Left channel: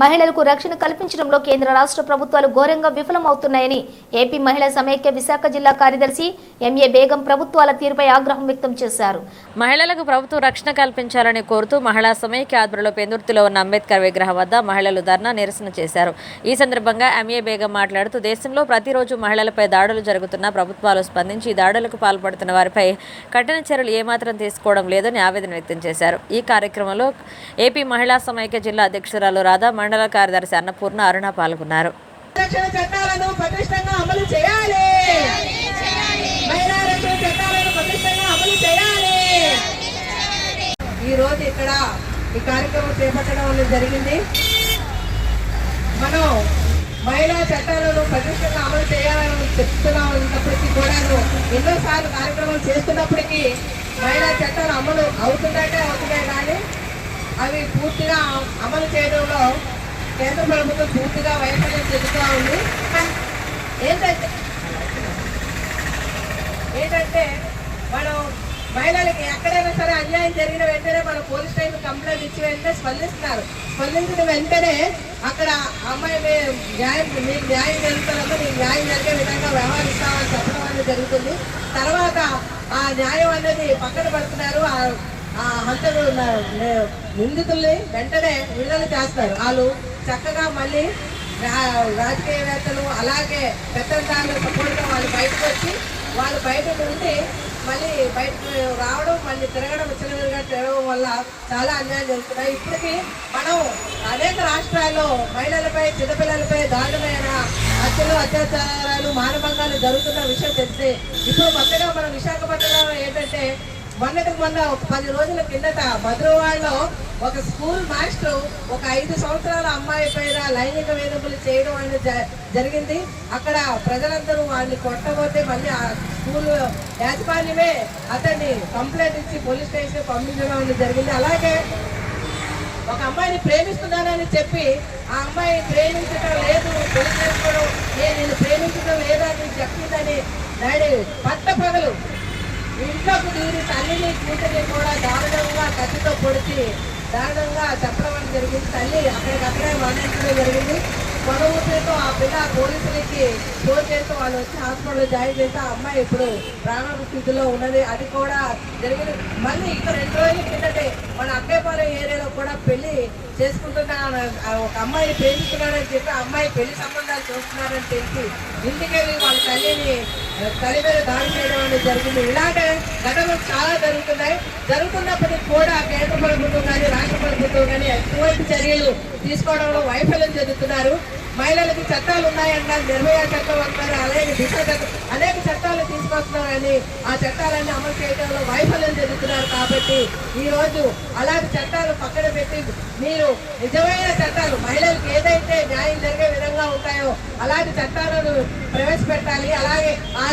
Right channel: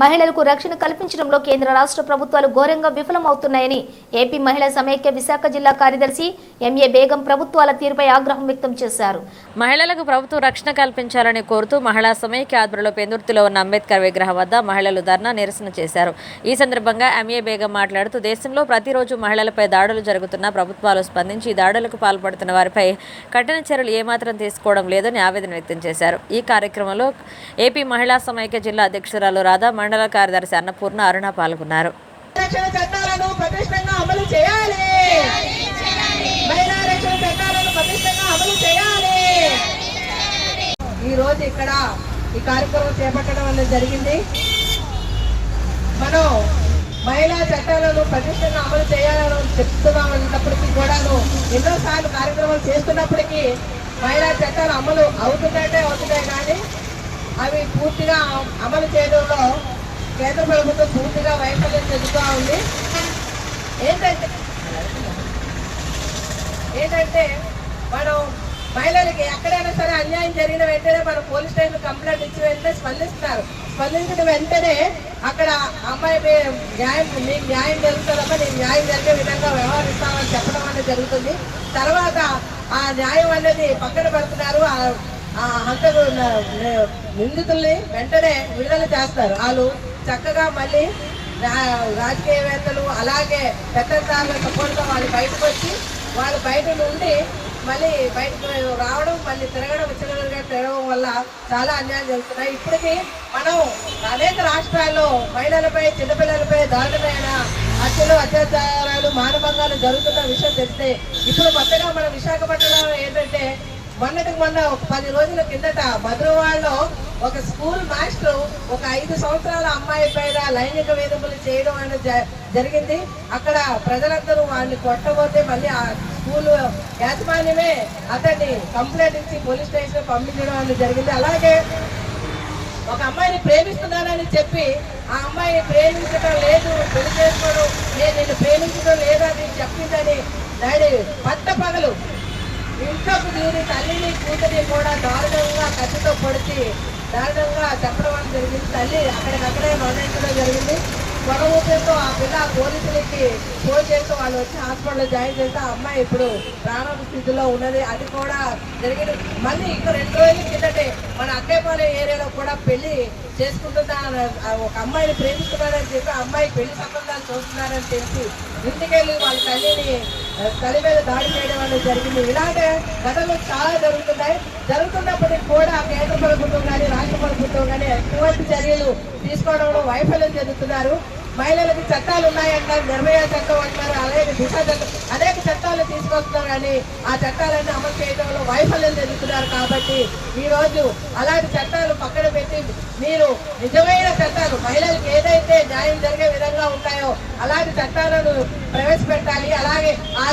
మహిళలకు రక్షణ కల్పించడంలో కేంద్ర రాష్ట్ర ప్రభుత్వాలు ఘోరంగా విఫలమవుతున్నాయని ఏపీ మహిళా సమైక్య విశాఖ జిల్లా కార్యదర్శి ఎంఏ బేగం ప్రభుత్వాల తీరుపై ఆగ్రహం వ్యక్తం చేశారు. మహిళలకు ప్రభుత్వం రక్షణ కల్పించాలని కోరుతూ మహిళా సమైక్య ఆధ్వర్యంలో పెందుర్తిలో ఉన్న అంబేద్కర్ విగ్రహం వద్ద మహిళలు ధర్నా నిరసన చేశారు. ఈ సందర్భంగా ఎంఏ బేగం మాట్లాడుతూ దేశంలో ప్రతిరోజు మహిళలపై దాడులు జరుగుతున్నా ప్రభుత్వాలు స్పందించి ఈ దాడులకు పాల్పడుతున్న వారిపై కఠిన చర్యలు ఏమాత్రం తీసుకోవడం లేదని ఆవేదన వ్యక్తం చేశారు. ఈ కార్యక్రమంలో ఏపీ మహిళా సమైక్య జిల్లా అధ్యక్షురాలు రాధా మండల కార్యదర్శి అన్నపూర్ణ అరుణ పాల్గొన్నారు. రక్షణ చట్టాలను అమలు చేయాలి. మహిళా రక్షణ చట్టాలను అమలు చేయాలి. ఈ రోజు ఇక్కడ ఈ కార్యక్రమం చేపట్టడం అనేది జరిగింది. మనం మహిళా చట్టాలను పటిష్టంగా అమలు చేయాలని చెప్తున్నప్పటికీ కూడాను ఎన్నోసార్లు కార్యక్రమాలు చేస్తున్నప్పటికీ మహిళా చట్టాలు అమలు అవుతుందంటే అవుతున్నాయి కానీ అవి పూర్తిగా అమలు చేయడంలో కేంద్ర ప్రభుత్వం పూర్తిగా వైఫల్యం చెందుతూ ఉంది. ఏంటంటే ఏంటంటే మనం మహిళలకి ఎక్కడైనా సరే అన్యాయం జరిగిన వెంటనే మనం పోలీస్ స్టేషన్ కంప్లైంట్ ఇచ్చి వెంటనే స్పందిస్తారు స్పందించిన వెంటనే అక్కడ అమ్మాయి న్యాయం మీకు న్యాయం జరుగుతుందమ్మా నీకు న్యాయం జరిగే విధంగా వ్యవహరిస్తామని చెప్పడం అనేది జరుగుతుంది. తర్వాత ఆ న్యాయం అనేది పక్కన పెడుతున్నారు. ఆ- ఆ హంతకు నిందితుల్ని వెంటనే విడుదల చేస్తారు. వాళ్ళు చక్కగా మళ్ళీ రా- రాజకీయవేత్తలు అలాగే పెద్దదారుల సపోర్ట్గా వాళ్ళు బయటకు వచ్చి వాళ్ళు బయట నుండి మళ్ళీ బయటకు రావడం మళ్ళీ తిరగడం విచ్చలవిడిగా తిరగడం వల్ల చాలా అన్యాయం జరుగుతున్నాయి. ఇప్పటికీ మనం అనేక రాష్ట్రాల్లో మహిళలపై చిన్నపిల్లలపై దారుణమైన హత్యలు అత్యాచారాలు మానభంగాలు జరుగుతున్న విషయం తెలిస్తే ఇప్పుడు కొత్తగా మన విశాఖపట్నం మొన్నటికి మొన్న ఒక పది రోజుల కిందట భద్రవాడలో ఒక స్కూల్ మాస్టర్ ఒక ఐదు సంవత్సరాల అమ్మాయి పైన లైంగిక వేధింపులు చేయడం అనేది జ- జరిగింది. అక్కడ ప్రజలందరూ వాడిని కొట్టబోతే మళ్ళీ ఆ స్కూల్ యాజమాన్యమే అతన్ని కంప్లైంట్ ఇచ్చి పోలీస్ స్టేషన్ పంపించడం అనేది జరిగింది. అలాగే ఒక అమ్మాయిని ప్రేమిస్తున్నానని చెప్పి ఆ అమ్మాయి ప్రేమించడం లేదు పెళ్ళి చేసుకోవడం నేను నిన్ను ప్రేమించడం లేదని చెప్పిందని డాడీ పట్ట పగలు ఇంట్లోకి దూరి తల్లిని కూతురిని కూడా దారుణంగా కత్తితో పొడిచి దారుణంగా చెప్పడం అనేది జరిగింది. తల్లి అక్కడికక్కడే మరణించడం జరిగింది. కొడమూపితో ఆ పిల్ల పోలీసులకి ఫోన్ చేస్తే వాళ్ళు వచ్చి హాస్పిటల్లో జాయిన్ చేస్తే ఆ అమ్మాయి ఇప్పుడు ప్రాణాల స్థితిలో ఉన్నది. అది కూడా జరిగింది. మళ్ళీ ఇంకా రెండు రోజుల కిందటే మన అక్కేపాలెం ఏరియాలో కూడా పెళ్ళి చేసుకుంటున్న ఒక అమ్మాయిని ప్రేమిస్తున్నారని చెప్పి అమ్మాయి పెళ్ళి సంబంధాలు చూస్తున్నారని తెలిసి ఇంటికెళ్ళి వాళ్ళ తల్లిని తల్లి మీద దాడి చేయడం అనేది జరిగింది. ఇలాంటి ఘటనలు చాలా జరుగుతున్నాయి. జరుగుతున్నప్పటికీ కూడా కేంద్ర ప్రభుత్వం కానీ రాష్ట్ర ప్రభుత్వం కానీ ఎటువంటి చర్యలు తీసుకోవడంలో వైఫల్యం చెందుతున్నారు. మహిళలకి చట్టాలు ఉన్నాయంటారు నిర్భయ చట్టం అంటారు అలాగే దిశ చట్టం. అనేక చట్టాలు తీసుకొస్తున్నారు కానీ ఆ చట్టాలన్నీ అమలు ఉన్నారు కాబట్టి ఈ రోజు అలాంటి చట్టాలు పక్కన పెట్టి మీరు నిజమైన చట్టాలు మహిళలకు ఏదైతే న్యాయం జరిగే విధంగా ఉంటాయో అలాంటి చట్టాలను ప్రవేశపెట్టాలి. అలాగే ఆ